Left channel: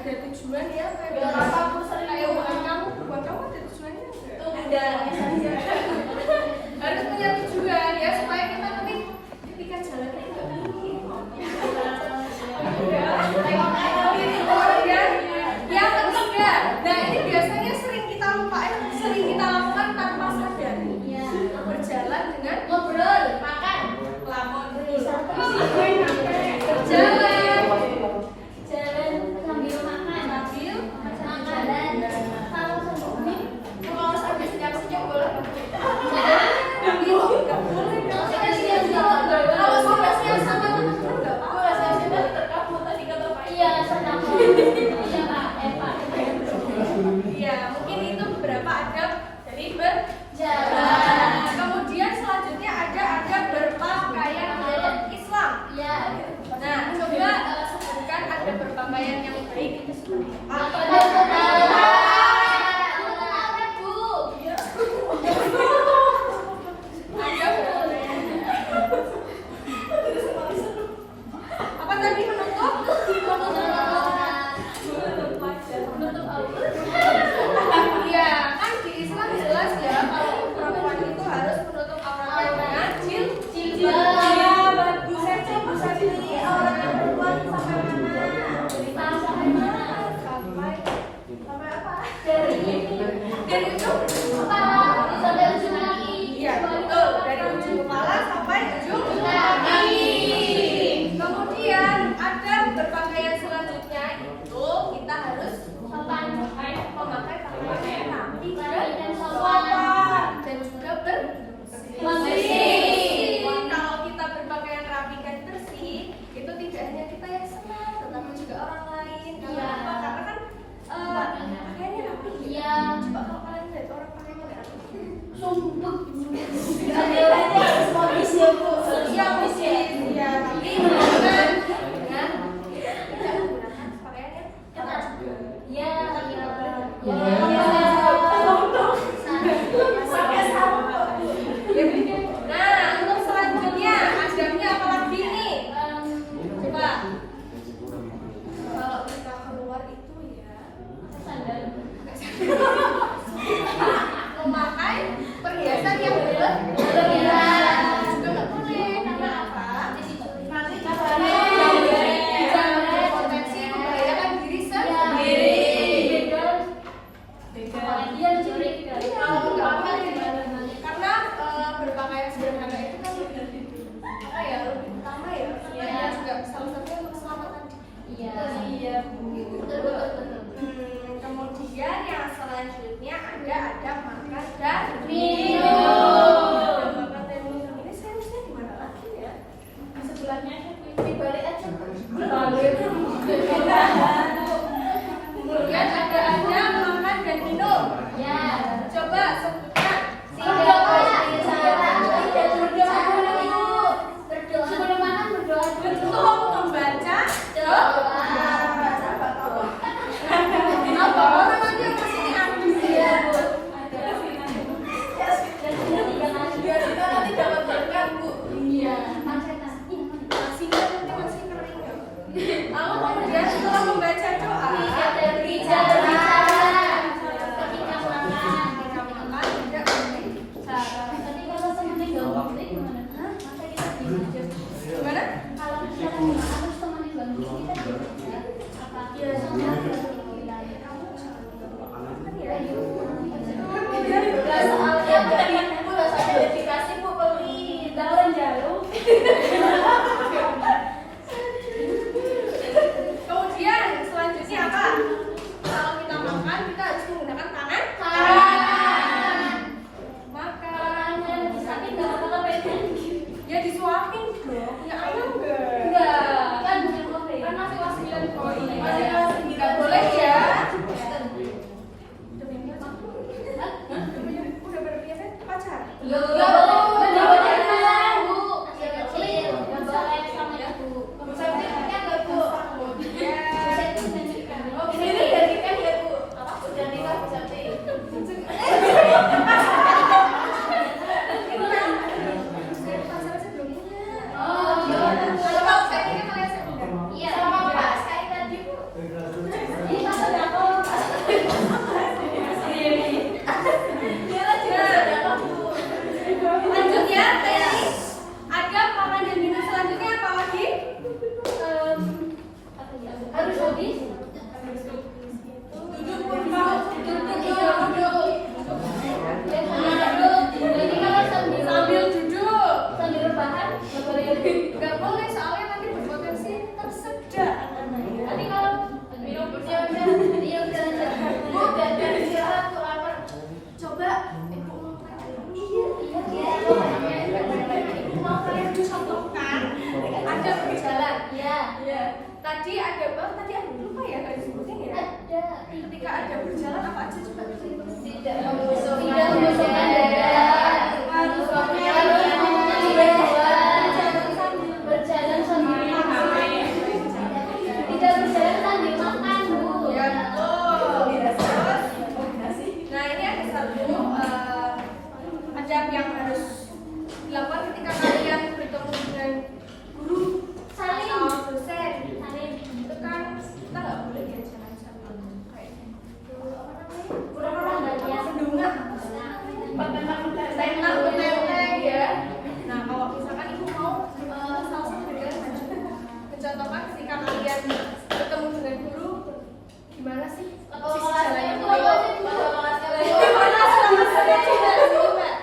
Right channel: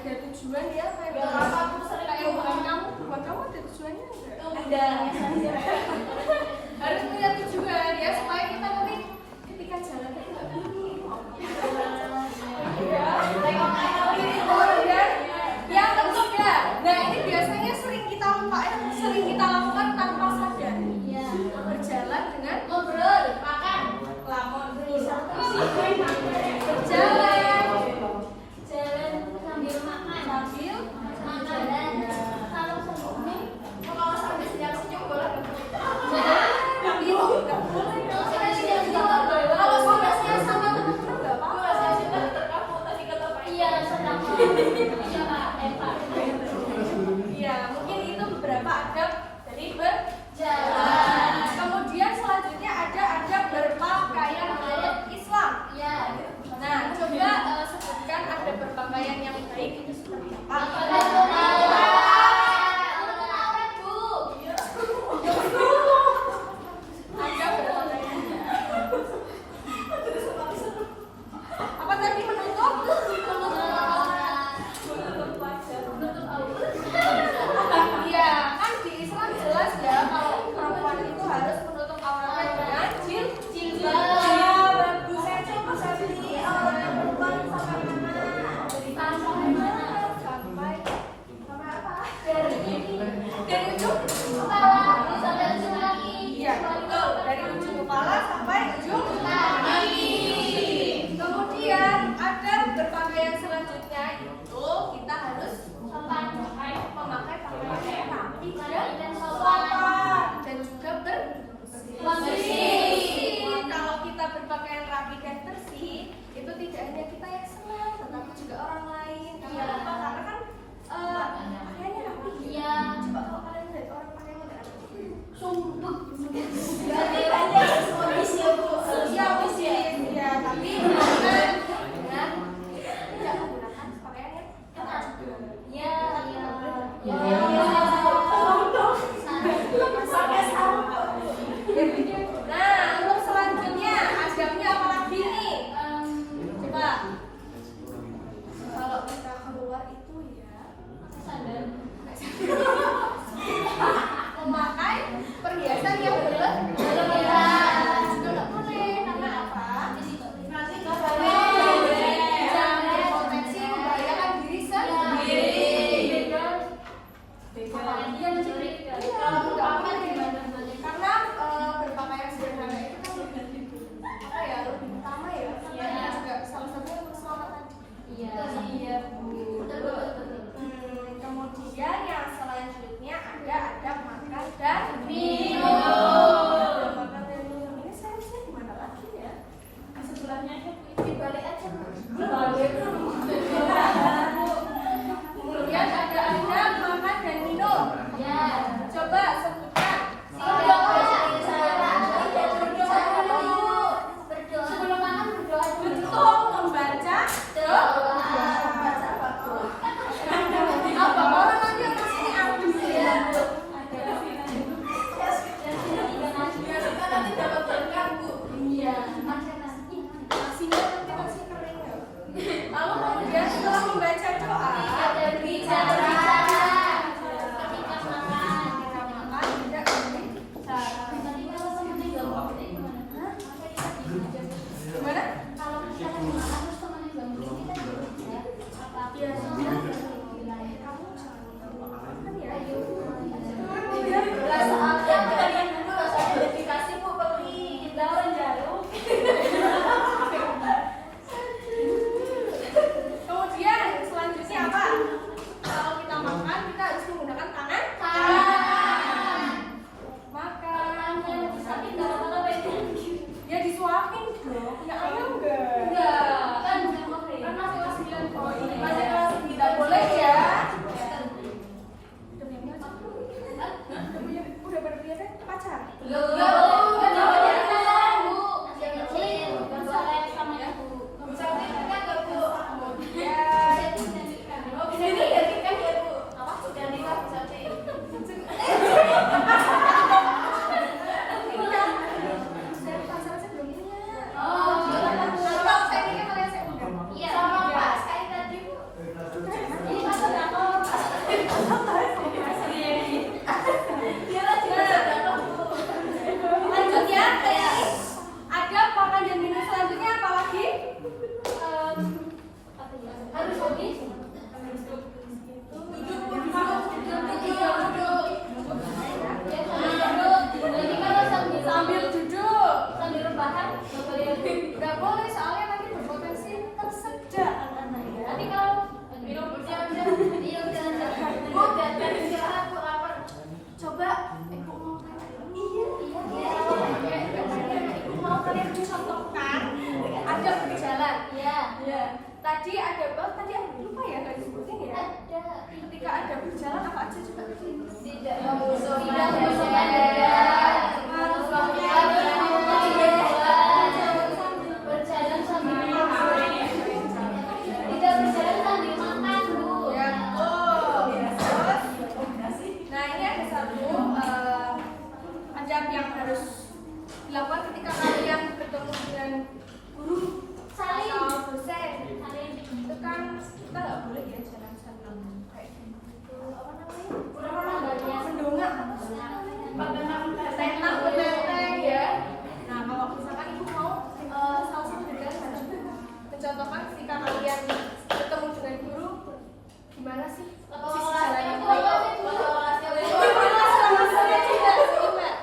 ada tujuan ya buat kamu ada tujuannya enggak? Harus punya tujuan ya supaya kita nanti ketika jalannya enggak yang ketiga, nah ini biasanya sering kita lupa sering kita lakukan tanpa sadar. Berjalan dengan ngobrol, makan, lamun, berjalan sambil makan, kalau sambil senyum boleh tapi nggak boleh kalau sudah senyum sama teman-teman nggak apa-apa terkabut tadi kata Pak iya mungkin itu beberapa adab dari berjalan. Kemudian selanjutnya ada adab berpakaian menurut Islam. Nah coba sebutkan adab berpakaian yang baik itu seperti apa? Apa tadi menutup? Iya, kan di Islam jelas ya kalau perempuan itu harus menutup auratnya dengan jilbab. Bisa pilih auratnya perempuan sampai mana? Sampai mana? Sampai apa? Dari ujung kepala sampai ujung kaki. Iya, betul. Dari ujung kepala sampai ujung kaki. Kemudian ada berpakaian selanjutnya itu kita harus memakai pakaian yang rapi dan sopan dan juga bersih. Kalau kita berpakaian rapi dan bersih, itu tidak hanya kita yang senang, tetapi juga orang lain. Kenapa? Karena kan pakaiannya rapi. Iya. Coba kalau kalian lihat orang pakaiannya nggak rapi, sumpah. Ya, tapi dengan tidak menggunakan pakaian yang ketat. Ya. Nah, untuk selanjutnya adabnya apa lagi nih? Coba. Kalau kita keluar itu ya, sandal. Memakai perhiasan yang berlebihan. Juga nggak boleh karena apa? Nanti jangan berpotensi membahayakan diri sendiri. Kalau berpakaian karena berpakaian sederhana itu kan lebih utama ya. Karena juga salah satunya untuk keselamatan. Iya Bu. Kemudian yang selanjutnya ada adab makan dan minum. Makan dan minum ini seriusnya di mana lagi ya? Di sebelahnya aja dibalik aja. Kemudian ada adab makan dan minum. Ya. Coba sebutkan. Berdoa. Sebelum makan berdoa. Betul, membaca doa. Apa orang lagi yang kesini habis ya? Biasanya nanti dapat berkah Bu. Iya. Nasinya nanti masih kering ya. Lalu kemudian setelah membaca doa, bicara. Ketika makan.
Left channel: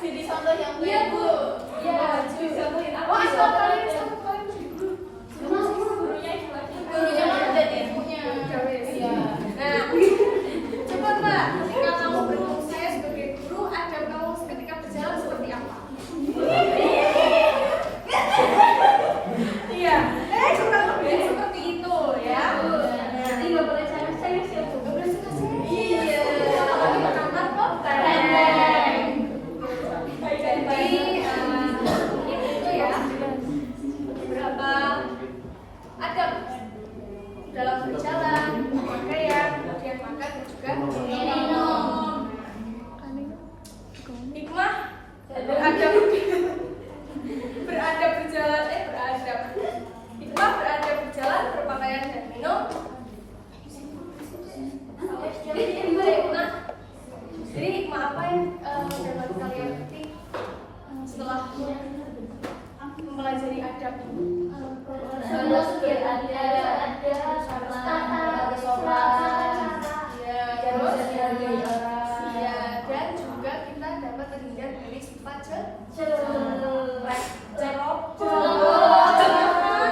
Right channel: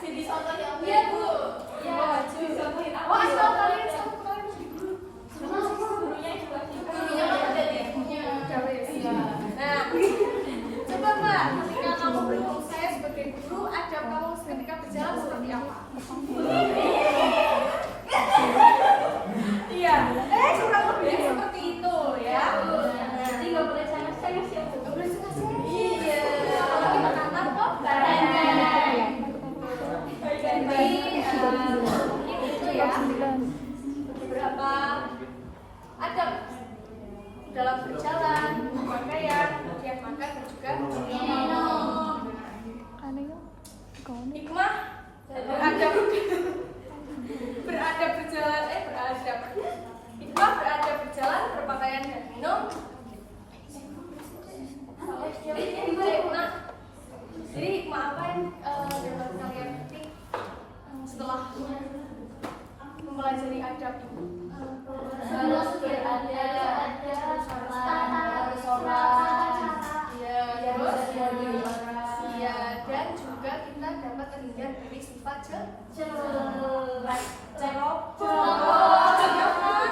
Jadi contoh yang baik, Bu. Ya, wah, kalian gurunya jadi ibunya. Nah, coba Mbak, ketika kamu bertemu saya sebagai guru, adab kamu ketika berjalan seperti apa? Iya, kurang lebih seperti itu ya. Jadi nggak boleh saya siapa? Nggak boleh saya. Iya. Kalau kita kantor kok kadang. Jadi itu ya beberapa adab dalam berjalan, berpakaian, kemudian makan dan juga minum. Hikmah beradab hikmah beradab berjalan, berpakaian dan minum. Jadi hikmah apa yang dapat kalian petik setelah mempelajari adab ini? Harus beradab, harus sholat, ya, dan juga kita dapat terhindar dari sifat ceroboh.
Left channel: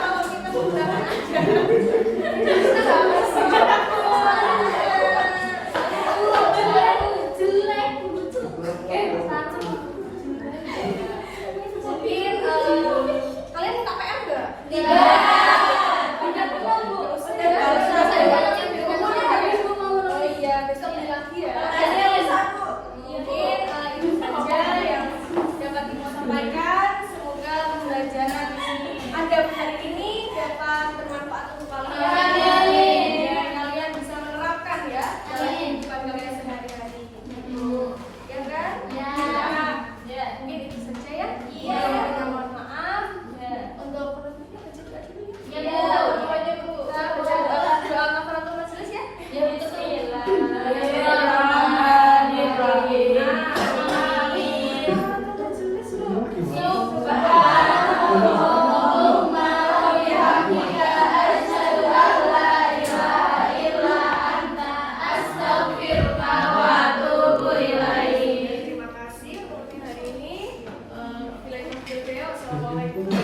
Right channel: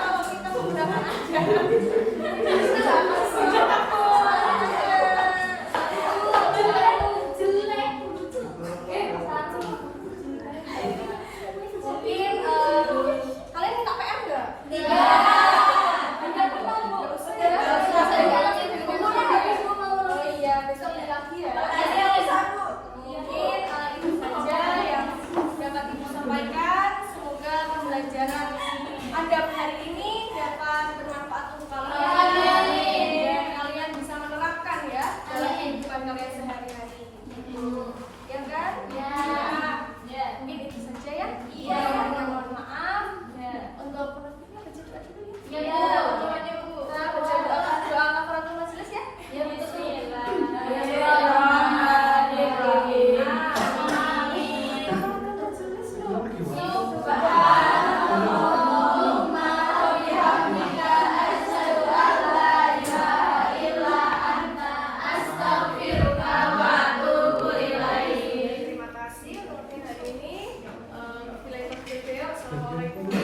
Kalau kita menggunakan adab, kita harus mungkin kalian minta PR nggak? Tidak pernah, Bu. Oh iya, besok lagi ya. Mungkin itu saja yang dapat ibu sampaikan. Semoga pembelajaran adab hari ini dapat bermanfaat untuk kalian dan kalian bisa menerapkan ya dalam kehidupan kalian sehari-hari. Ya kan? Ya. Mungkin itu saja ya. Iya. Mohon maaf. Untuk penutupnya baca doa dulu ya. Iya, Bu. Kita baca doa kafaratul majelis ya. Ya, betul ya. Terima kasih untuk hari ini. Assalamualaikum.